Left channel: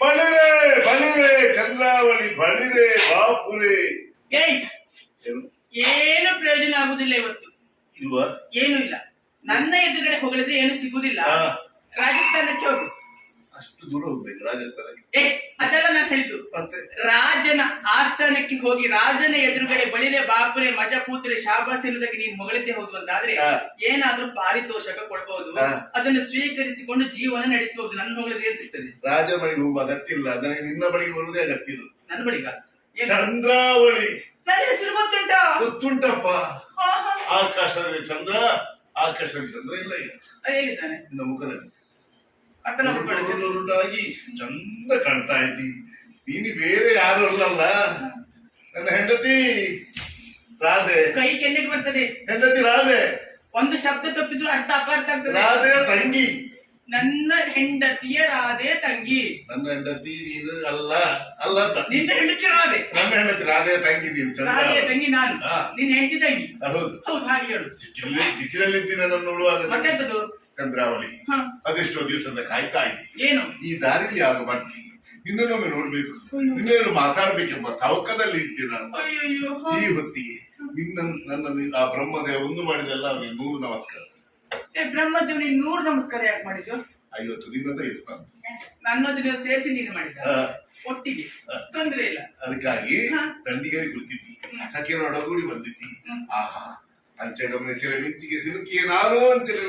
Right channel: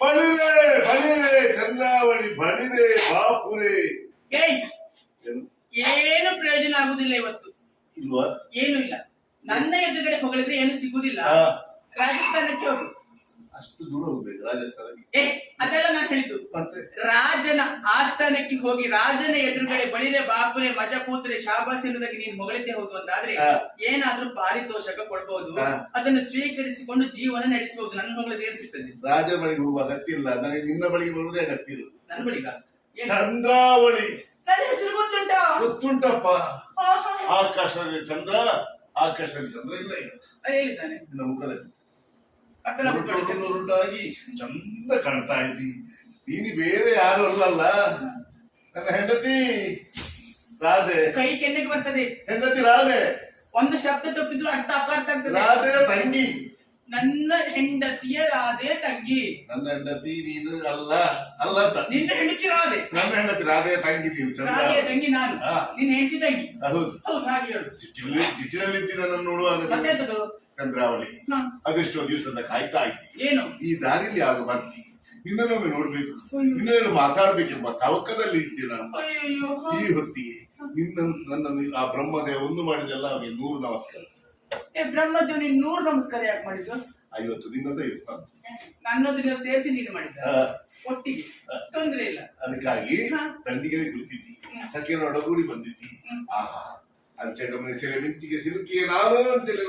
ಬಳಿರೆ ಬಳಿರೆ ಚಂದ್ರಾವಳಿ ಬಳಿರೆ ಬಾಪುರೆ. ಏನು? ಪ್ರಯೋಜನ ಆಗುದಿಲ್ಲ ಇವತ್ತು? ಇಲ್ವಾ? ಏನು ಇಲ್ಲ. ನನ್ನ ಎದುರುಗಡೆ ಹೊಗಳಿದ್ರೆ ಏನು ಸಿಗುದಿಲ್ಲ. ರಾಜಸ್ಥಾನಕ್ಕೆ ಹೋಗುದು ಅಷ್ಟು ದೂರ ಹೋಗ್ಬೇಕು ರಾಜಸ್ಥಾನಕ್ಕೆ. ಏ ಅದೆಲ್ಲ ನಾನು ಹೇಳಿದ್ದು. ಮತ್ತೆ? ರಾಜನ ಆಸ್ಥಾನಕ್ಕೆ ಹೋಗಿ ರಾಜನ ಎದುರುಗಡೆ ಬಳಿಲೆ ಬಾಪುರೆ ಮಜ ಪೂತ್ರೆ ಶಾಬಾಸ್ ಎನ್ನುವುದಕ್ಕೆ ನೀನು ಹೊಗಳಿದ್ದೆ ಹೌದು ಅಂತಾದ್ರೆ ಏನಾದ್ರೂ ಪಾರಿತೋಷಕ ಕೊಡ್ಬಹುದು ಹಾ. ಅದನ್ನು ಸ್ವೀಕರಿಸಿಕೊಂಡು ಜೀವನ ನಡೆಸಬಹುದು ನನ್ನ ಹೊಗಳಿದ್ರೆ ಏನ್ ಸಿಗ್ತದೆ? ರಾಜ ಬಳಿಗೆ ಹೋಗುವ ಅಗತ್ಯ ಇಲ್ಲ. ನನಗೆ ನಿನ್ನ ಬಳಿಗೆ ಬರುವುದೇ ಅಗತ್ಯ ಇಲ್ಲ. ನನ್ನ ಬಳಿಗ? ಏನು? ಚಂದ್ರಾವಳಿ. ಹೆಸರು ಗೊತ್ತುಂಟಾ? ಗೊತ್ತುಂಟಪ್ಪ. ಆಕಾಶದಲ್ಲಿ ಚಂದ್ರ ಆಕಾಶದಲ್ಲಿ ಚಂದ್ರ ಇಲ್ಲ ಈಗ. ಹೇಳಿದ್ದಾನೆ. ನಿನ್ನ ಮುಖದಲ್ಲಿ. ಉರುಟಾಗಿ ಚಂದ ಕಾಣ್ತಾ ಇದ್ದಿ. ನೀನು ಬೇರೆ ಯಾರು ಅಲ್ಲಲ್ಲ. ನನ್ನ ಹೆಂಡತಿ ರಾಧೆ. ಕೈ ಕೆನ್ನೆಗೆ ಬರ್ತದೆ. ಹೆಂಡತಿ ರಾಧೆ. ಒಂದು ಶಬ್ದ ತಪ್ಪಿದ್ರು ಅರ್ಥ ಅಪಾರ್ಥ ಆಗ್ತದೆ. ರಾಧೆ ತಂಗಿ. ನನ್ನ ಹೆಂಡತಿಯ ರಾಧೆ ತಂಗಿ. ನನ್ನ ಹೆಂಡತಿ ನೀನು ಅಲ್ಲ ಅಲ್ಲ ಅಂತ. ನಿನ್ನ ಹೆಂಡತಿ ರಾಧೆ. ನನ್ನ ಹೆಂಡತಿ ರಾಧೆ ತಂಗಿ ನೀನು ರಾಧೆ ತಂಗಿ ನಾನು. ನಿನ್ನ ಹೆಂಡತಿ ತಂಗಿ. ಹೌದು. ಹೌದು ಹಾಗೆ ಹೇಳು. ಸಿಟ್ಟಿನಲ್ಲಿ ಸಿಟ್ಟಿನಲ್ಲಿ ನನ್ನ ನೋಡುವಾಗ ಮತ್ತೆಂತದು ಚಂದ್ರಾವಳಿ. ಅದೆಷ್ಟೋ ದಿವಸದ ಕಾಯ್ತಾ ಇದ್ದಿ. ಏನು? ಈ ದಾರಿಲಿ ಆಗ ಬರ್ತಿ ನಿನ್ನೊಮ್ಮೆ ನೋಡ್ಬೇಕು ನಿನ್ನೇನು ಮಾತಾಡ್ಬೇಕೆಂಬ ತವಕದಲ್ಲಿ ಇದ್ದೆ ನಾನು. ಅಯ್ಯಯ್ಯೋ. ಈ ಹೊತ್ತಿಗೆ ನಿನ್ನ ನನ್ನ ಆ ಬ್ರಹ್ಮದೇವ ಒಂದು ಮಾಡಿದೆಲ್ಲ ಅವನಿಗೆ ನೂರು ನಮಸ್ಕಾರ. ಏ ಬ್ರಹ್ಮದೇವ್ ನೀನ್ ನೂರು ನಮಸ್ಕಾರ ಯಾಕೆ ಮಾಡಿದ್ರು ಐವತ್ತು ನಿನ್ನದ ಇತ್ತು. ನನ್ನದು ನೀವು ಸೇರಿಸಿ ನೀನು ಮಾಡಿದ್ದ. ಒಟ್ಟಿಗೆ. ತೊಂದ್ರೆ ಇಲ್ಲ. ಅದಕ್ಕಾಗಿ ತಂಡಿಗೆ ದಂಡಿಗೆ ಕುಳಿತಿದ್ದಿ. ಸಖಿಯರ ಒಡಗೂಡಿ ಬಂದಿದ್ದಿ. ಆಹಾ. ಅಂಚೆ ಗಮನಿಸಿರ ಮಿಂಚಿಗೆ ಸಿಲುಕಿ ನಾನು ಅಂಚೆಲೆ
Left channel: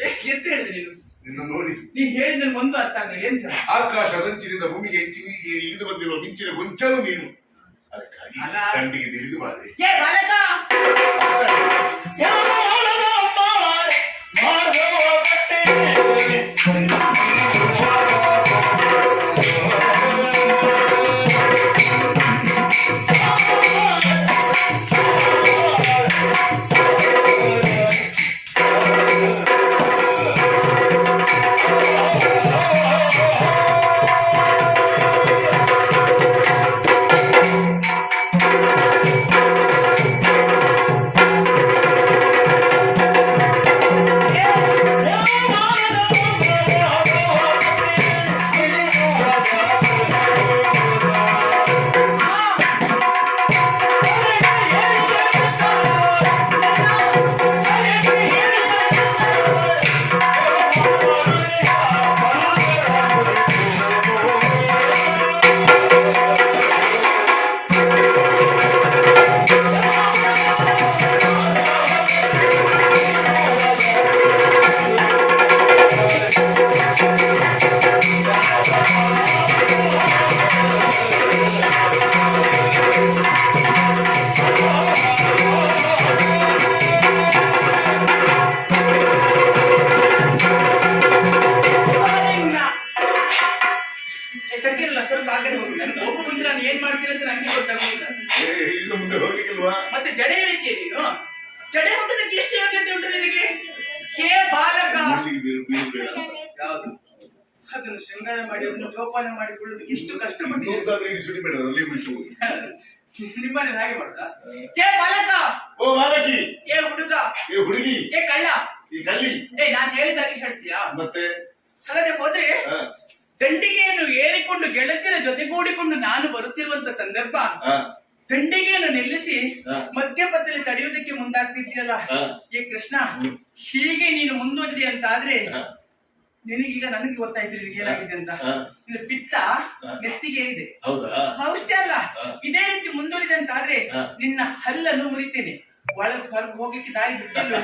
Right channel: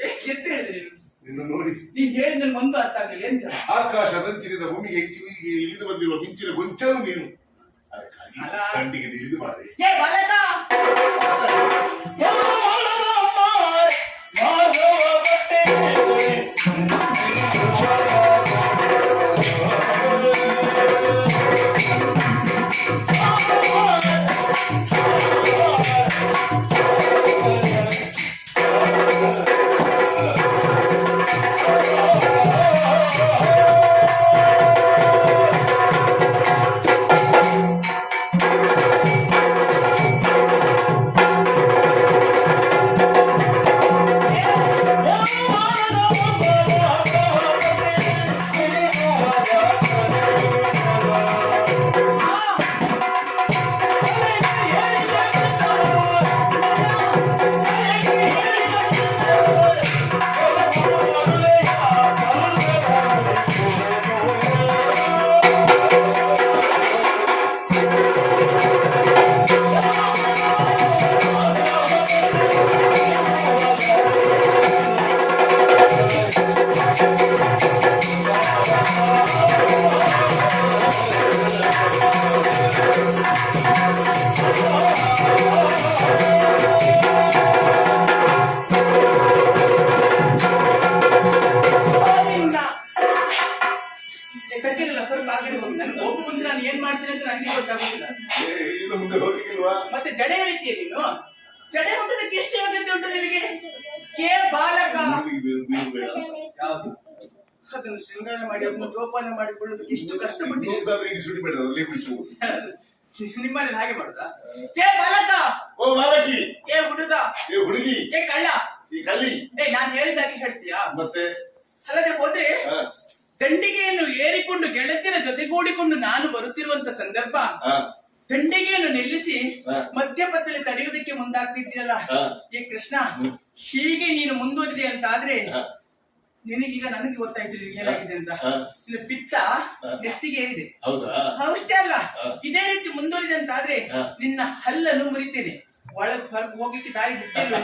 ಏ, ಎಂತ ಹೇಳಿದೆ ನೀನು. ನಿನ್ನ ನೋಡಿ. ನೀನ್ ಹೇಳಿದ್ರೆ ಒಂದು ಅರ್ಥ ಆಗಲಿಲ್ಲ ಎಂತ? ಆಕಾಶ ರಂಚಿನಿಂದ ಭೂಮಿಗೆ ಹೆಚ್ಚಿಗೆ ಇಳಿದು ಬಂದಿರುವ ಮಿಂಚಿನ ಗೊಂಚಲು ನೀನು. ಅದಕ್ಕಾಗಿ ಕಂಡಿಗೆ ದಂಡಿಗೆ ತಿಳಿದು ಬಾರೆ. ಹೋಗಿ ನನಗೆ ಒಬ್ಬ ಮುಂದೆ ನಾನು ಏನ್ ಮಾಡ್ತೀನಿ ಅಂತ ನನಗೆ ಗೊತ್ತಾಗುದಿಲ್ಲ. ಏ, ಇಲ್ಲಿಂದ ಮುಂದೆ ಹೋಗ್ಲಿಕ್ಕಿಲ್ವಾ? ಮತ್ತೆ ಜಡೆ ಹೇಳಿದ್ಯೆ ನೀನು? ಜಡೆ ಮುಟ್ಟದಕ್ಕೆ ಎಷ್ಟು ಯೋಗ್ಯತೆ ಉಂಟು ನಿನಗೆ? ಹೇ ಬಾಲಕ! ಯಾವುದು? ಅದನ್ನು ಶೃಂಗಾರ ಮಾಡಿ ಅದನ್ನು ಜೋಪಾನ ಮಾಡಿಕೊಳ್ಳೋದಕ್ಕೆ ಎಷ್ಟು ಕಷ್ಟಪಟ್ಟಿದೆ ಇಲ್ಲಿ ಸುಡಿಬೇಡ ಅಲ್ಲಿ ಬಿಡಿಸುವುದು ನಿಮ್ಮನೆ ಹಾಗೆ ಮಾಡುದಾ? ಹೇ ಬಾಲಕ! ಓ ಬಾಲಕಿ ಏ ಹುಡುಗ! ಏ ಹುಡುಗಿ! ಏ ಕಳ್ಳ! ಈ ಕಲ್ಲಿ ಏ ನಾನ್ ಹೇಳಿದಾಗೆ ಹೇಳ್ತೀಯಾ? ಮತ್ತೆ? ಅಲ್ಲದೆ ಹೋದ್ರೆ ದಂಡಿಗೆಯನ್ನು ಏರಿಕೊಂಡು ಗೆಳತಿಯರ ಜೊತೆಗೂಡಿಕೊಂಡು ನಾನು ಬರುತ್ತಿರುವಂತ ಸಂದರ್ಭ ತಂಡಿಗೆಯನ್ನು ದಂಡಿಗೆಯನ್ನು ನಿಲ್ಲಿಸಿ. ಮಧ್ಯಪಥದಲ್ಲಿ ತಡೆಯುವುದಕ್ಕೆ ಮುಂದಾಗ್ತಿದ್ದೀಯಲ್ಲ? ಏ ಕೃಷ್ಣ ಹೀಗೆ ನೀನು ಮುಂದುವರಿದೆ ಅಂತ ಆದ್ರೆ ನಿನಗೀಗ ನನಗೆ ಗೊತ್ತಾಯ್ತು ಏನಾಗಿದೆ ಅಂತ. ಇಲ್ಲಿ ನಿನ್ನ ಪಿತ್ತ. ನೆತ್ತಿಗೆ ಏರಿದೆ. ಅಷ್ಟೇ ಅಲ್ಲ. ಇದೇ ರೀತಿ ಮುಂದುವರಿದೆ ಅಂತ ಆದ್ರೆ ನಿನ್ನ ಹಲ್ಲನ್ನು ಮುರಿತೇನೆ. ಒಳಗೆ ಹೊರಗೆ ಹೋಗ್ಲಿಕ್ಕೆ ದಾರಿ ಬಿಟ್ಟಿಲ್ಲ